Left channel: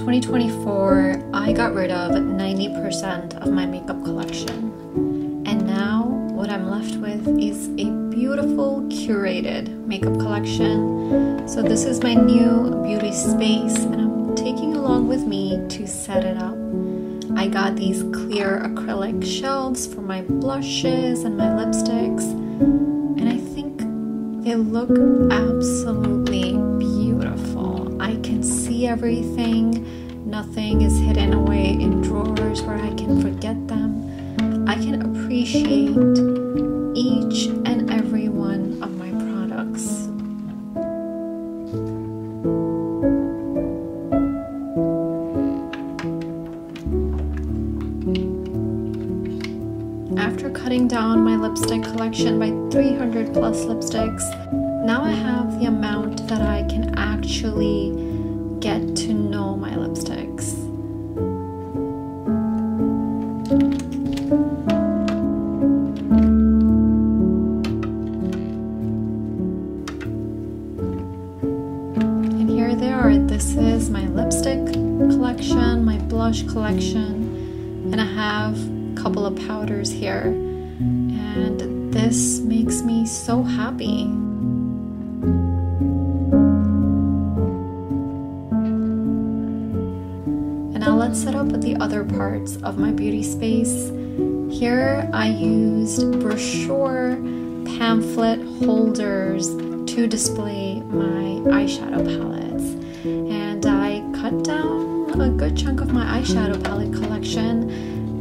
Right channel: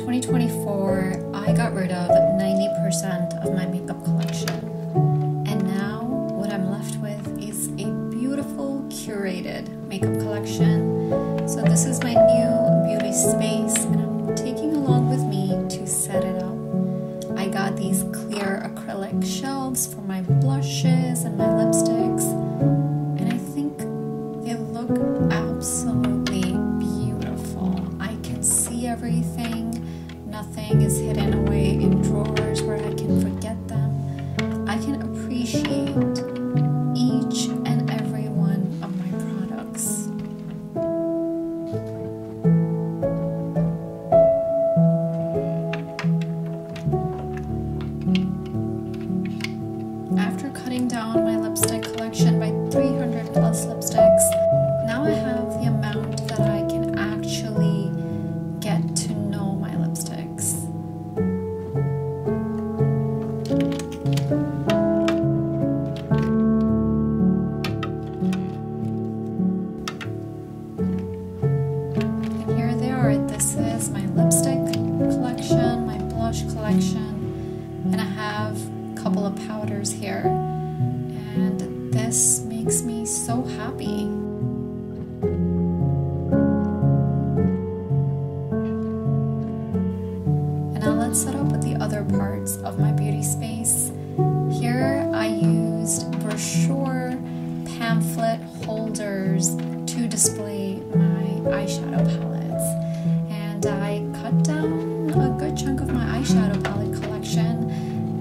2024, I got rid of 90% of my makeup collection. And now what I'm left with is a beautiful curated makeup collection. So this is my new beauty space and I'm taking along with me to set it up. I got these clear acrylic shelves for my blushes and my lipsticks, and I think they look absolutely beautiful. I can see everything. Nothing is hidden away in drawers where I can forget them. I can appreciate each and every one of my products. After cutting down my lipstick collection by 300 plus lipsticks, now I have the amount that I can actually get to know my lipsticks. And here they are. This is my lipstick collection, my blush collection, and I have a couple of powders here. And this makes me so happy. Now let's set up with the other parts of my beauty space. Here I used brochure pamphlet holders to display my eyeshadow palettes. And I cut down a good chunk of my eyeshadow palette collection.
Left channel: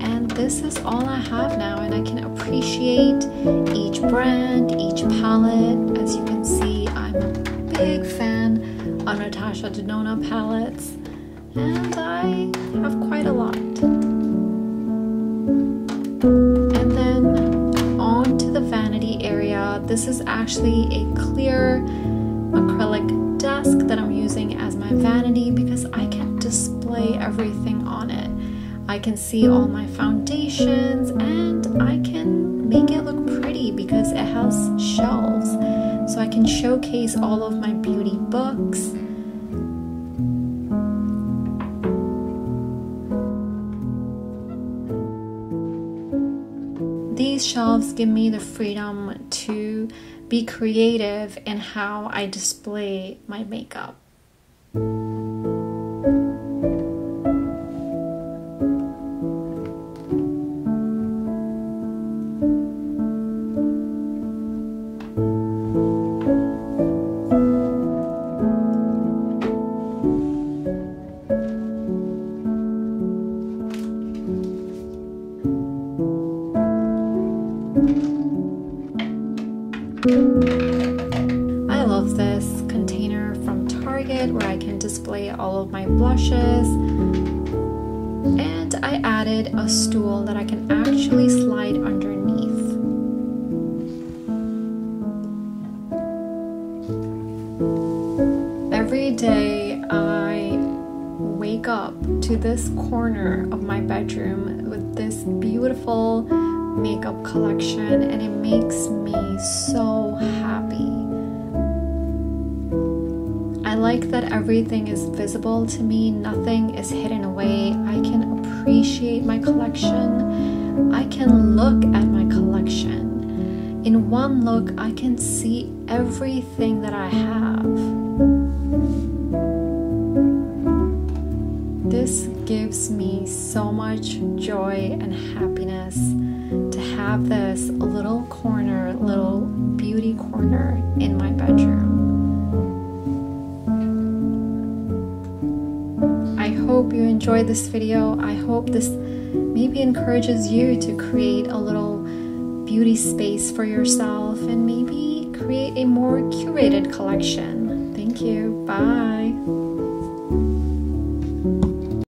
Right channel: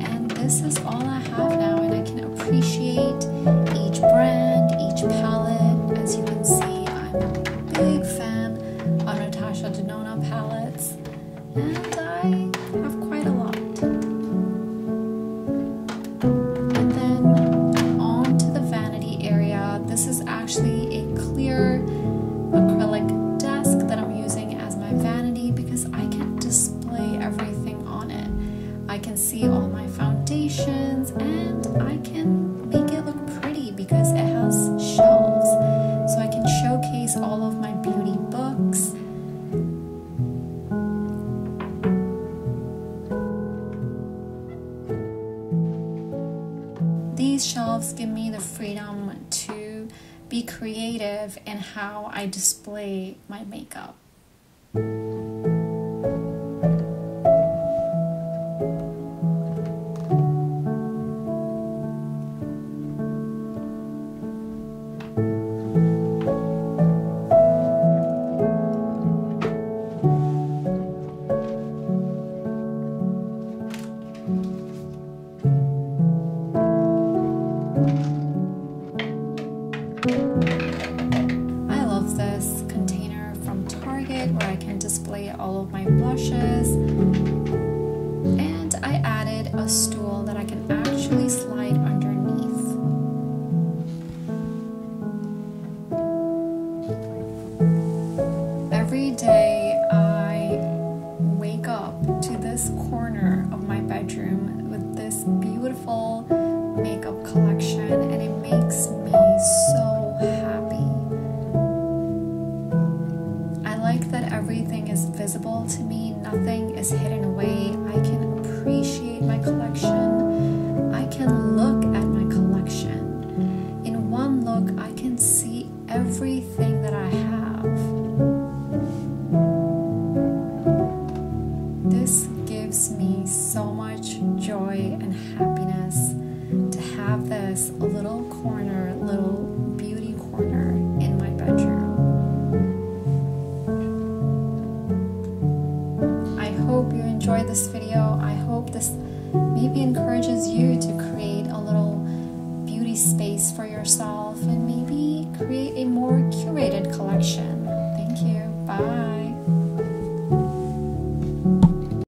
And this is all I have now, and I can appreciate each brand, each palette. As you can see, I'm a big fan of Natasha Denona palettes. And I have quite a lot. And then on to the vanity area. This is actually a clear acrylic desk that I'm using as my vanity because I can display everything on it. I can see all my foundations and I can make it look pretty because it has shelves. So I can showcase all of my beauty books. These shelves give me the freedom to be creative in how I display my makeup. I love this container from Target where I can display all of my blushes, and I added a stool that I can actually slide underneath. Every day I wake up to this corner of my bedroom with this beautiful makeup collection, and it makes me so happy. I like that everything is visible to me, nothing is hidden away. I can appreciate my collection. I can look at my collection. In one look, I can see everything that I have. This gives me so much joy and happiness to have this little corner, little beauty corner in my bedroom. I hope you enjoyed this video. I hope this maybe encourages you to create a little beauty space for yourself and maybe create a more curated collection. Thank you. Bye.